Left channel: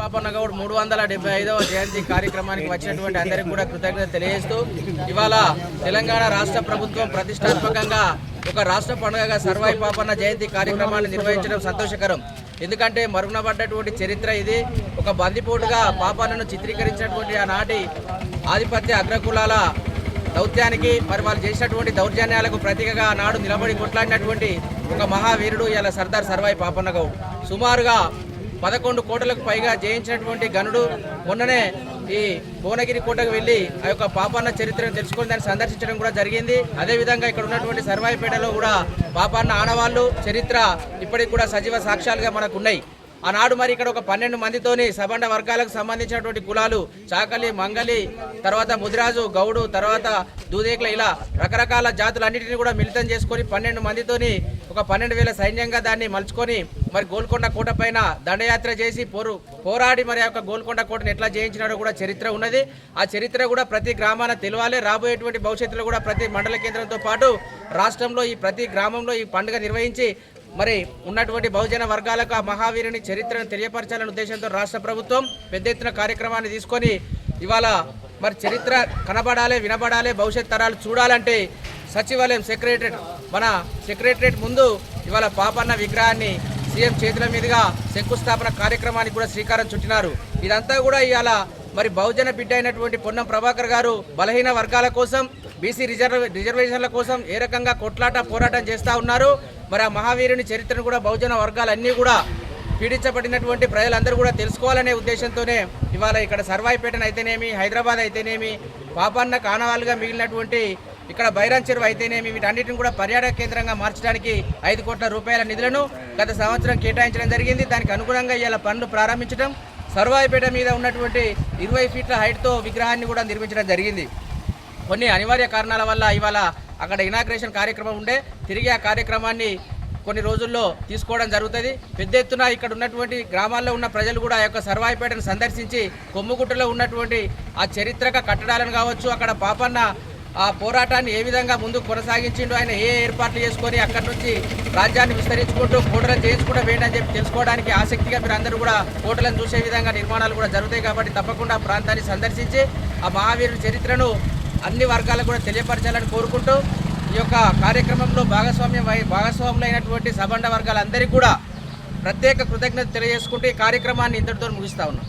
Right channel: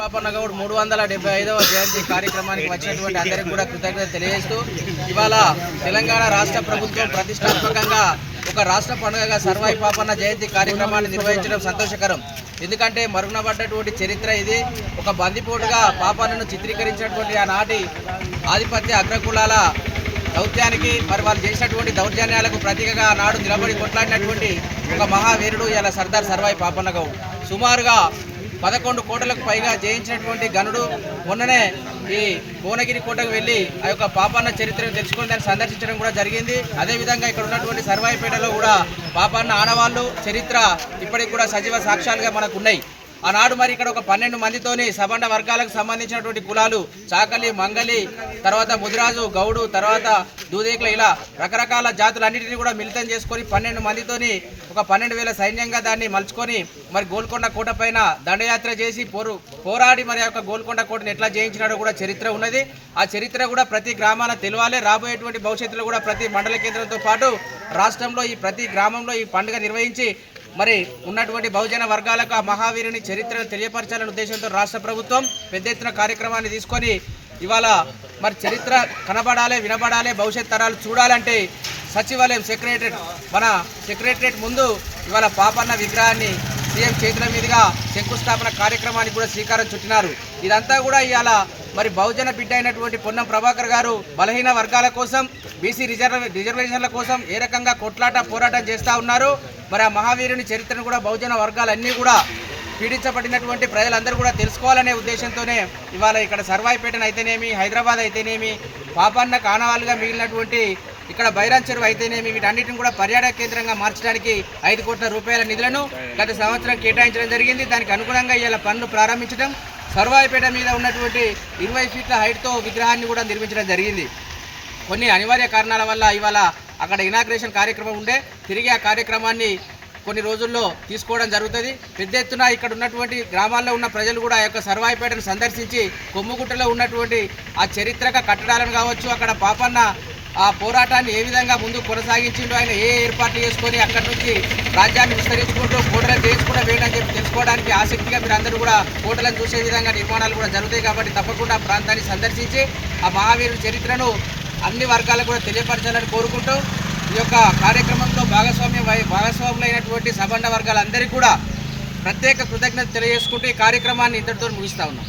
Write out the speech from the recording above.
పాపన్న గౌడ్ 375వ జయంతి కార్యక్రమానికి వచ్చినటువంటి అందరికీ కూడా కృతజ్ఞతలు తెలియజేస్తూ ఇవాళ తెలంగాణ రాష్ట్ర ప్రభుత్వం ప్రతిష్టాత్మకంగా ఒక రాష్ట్ర పండుగగా సర్వాయి పాపన్న జయంతి కార్యక్రమాన్ని నిర్వహించడం సంతోషకరం. ఎందుకంటే మరుగునబడ్డటువంటి చరిత్ర ఇది. ఒక బందిపోటుగా పాపన్నను చిత్రీకరించినటువంటి ఆనాటి ఆధిపత్య అగ్రకులాల దౌత్యానికి మరి వాళ్ళు చేసినటువంటి దౌర్జన్యాలకు ప్రతీకగా ఆనాడు నిలబడి కొట్లాడినటువంటి ఒక మహావీరుడు ఇలా సర్దార్ సర్వాయి పాపన్న గౌడ్. సుమారుగా 11 కోట్లకు పైగా జయించినటువంటి గనుడు. మొన్ననే ఈ భువనగిరి కోటకు వెళ్ళి ఆ యొక్క పాపన్న చరిత్రను తెలుసుకొని దాన్ని సందర్శించడం కూడా జరిగింది. అదేవిధంగా ఇక్కడ ఉన్నటువంటి సర్వాయిపేటలో కూడా పాపన్న ఆనవాళ్ళు చరిత్ర ఇప్పటికి కూడా సజీవ సాక్ష్యాలుగా మనకు ఉన్నాయి. ఆనాడు మరి ఇక్కడ ఒక 12 మందితోని సబండ వర్గాలకు సంబంధించినటువంటి కులాలు చాకలి, మంగలి, తర్వాత ముదిరాజు, గౌడు, తర్వాత దూదేకుల ఇలా రకరకాల జాతులన్నింటినీ కూడా మిళితం చేసుకొని 12 మందితోని ఒక 12,000 సైన్యంగా దాన్ని మలుచుకొని మరి గోల్కొండ కోట పైన దండయాత్ర చేసి పోరాడి మరి యొక్క గోల్కొండ కోటను ఎట్లా జయించినాడో కూడా చరిత్ర ఉన్నది. ఆ చరిత్ర కూడా ప్రతి గ్రామాన తెలవాలి. రాబోయేటువంటి భవిష్యత్తులో కూడా ప్రతి మండల కేంద్రంతో పాటు రాష్ట్రంలో ఈ ప్రతి గ్రామంలో ఈ పండుగ నిర్వహించి మరి ఉన్నటువంటి బహుజన వర్గాలకు ఆ మహావీరుని చరిత్రను తెలియపరచాలనే ఉద్దేశంతో రాష్ట్ర ప్రభుత్వం పెద్ద ఎత్తున కార్యక్రమాన్ని తీసుకొని ఇవాళ మరి చరిత్ర కనబడాలి, వినబడాలి, భవిష్యత్ తరాలు చూడాలంటే సచివాలయం మన సెక్రటరేట్ ముందు ఇవాళ పాపన్న విగ్రహాన్ని సీఎం చేతుల మీదుగా శంకుస్థాపన కార్యక్రమానికి కూడా శ్రీకారం చుట్టినారు. ఇదంతా కూడా ఇవాళ మరి బహుజన బిడ్డ అయినటువంటి పొన్నం ప్రభాకర్ గారు బలహీన వర్గాల కోసం, బీసీ రిజర్వేషన్ల కోసం ఏ రకంగా పోరాటం చేస్తూ ఉన్నారు. మరి ఆ మహావీరుని చరిత్రను కూడా బహుజన వర్గాలన్నీ కూడా పీడించబడినటువంటి ప్రజలందరూ కూడా తెలుసుకోవాలనే ఉద్దేశంతోనే ఇవాళ ఇక్కడ సర్వాయిపేటను అయితేనేమి, హైదరాబాద్ అయితేనేమి, పాపన్న కానవాలుగా మిగిలినటువంటి ఇక్కడ బైరాన్ చెరువు అయితేనేమి, వీటన్నిటిని కూడా పర్యాటక కేంద్రంగా మార్చడానికి 5 కోట్ల రూపాయల నిధులను గత సంవత్సరం కేటాయించడం జరిగింది. దానికి అనుగుణంగా ఇవాళ పనులు ప్రారంభించడం, సర్వాయిపేట మీద ఉన్నటువంటి 20 ఫీట్ల హైట్తో విగ్రహాన్ని కూడా నిర్మించడం జరిగింది. కొన్ని అనివార్య కారణాల వల్ల ఇవాళ అక్కడ ఇనాగ్రేషన్ కార్యక్రమం ఉండే, తిరిగి ఆ కార్యక్రమాన్ని కొన్ని రోజుల్లో తీసుకోవడం జరుగుతుంది. పెద్ద ఎత్తున ఇక్కడ ఉన్నటువంటి గ్రామాల్లో ఉన్న ప్రజలు కూడా ఆ యొక్క సర్వాయిపేటను సందర్శించి కొమ్ముగుట్టలో ఉన్నటువంటి ఆ చారిత్రక కట్టడాలను కావచ్చు, అక్కడ పాపన్న ఆ పోరాటాన్ని ఏ విధంగా ముందుకు కొనసాగించిండో, ఆయన ఏ ఏర్పాట్లు చేసుకొని అక్కడి నుంచి రాజ్యాన్ని విస్తరించుకుంటూ కోటలను చేయించుకుంటూ వేయడని చెప్పి తెలుసుకోవడానికి ఆసక్తిగా మీరు అందరూ కూడా కోటలను చూసే విధంగా నిర్మాణాలు కూడా జరుగుతాయి. కాబట్టి తప్పకుండా ఆ ప్రాంతాన్ని సందర్శించి ఆ మహావీరుని చరిత్రను అన్ని వర్గాలకు కూడా తెలియపరచాలని కోరుకుంటూ ఈ యొక్క కార్యక్రమంలో భాగస్వాములైనటువంటి సబండ వర్గాలందరికీ కూడా ప్రత్యేక కృతజ్ఞత తెలియజేసుకుంటూ ఈ కార్యక్రమాన్ని ఇంతటితో ముగిస్తా ఉన్నాం.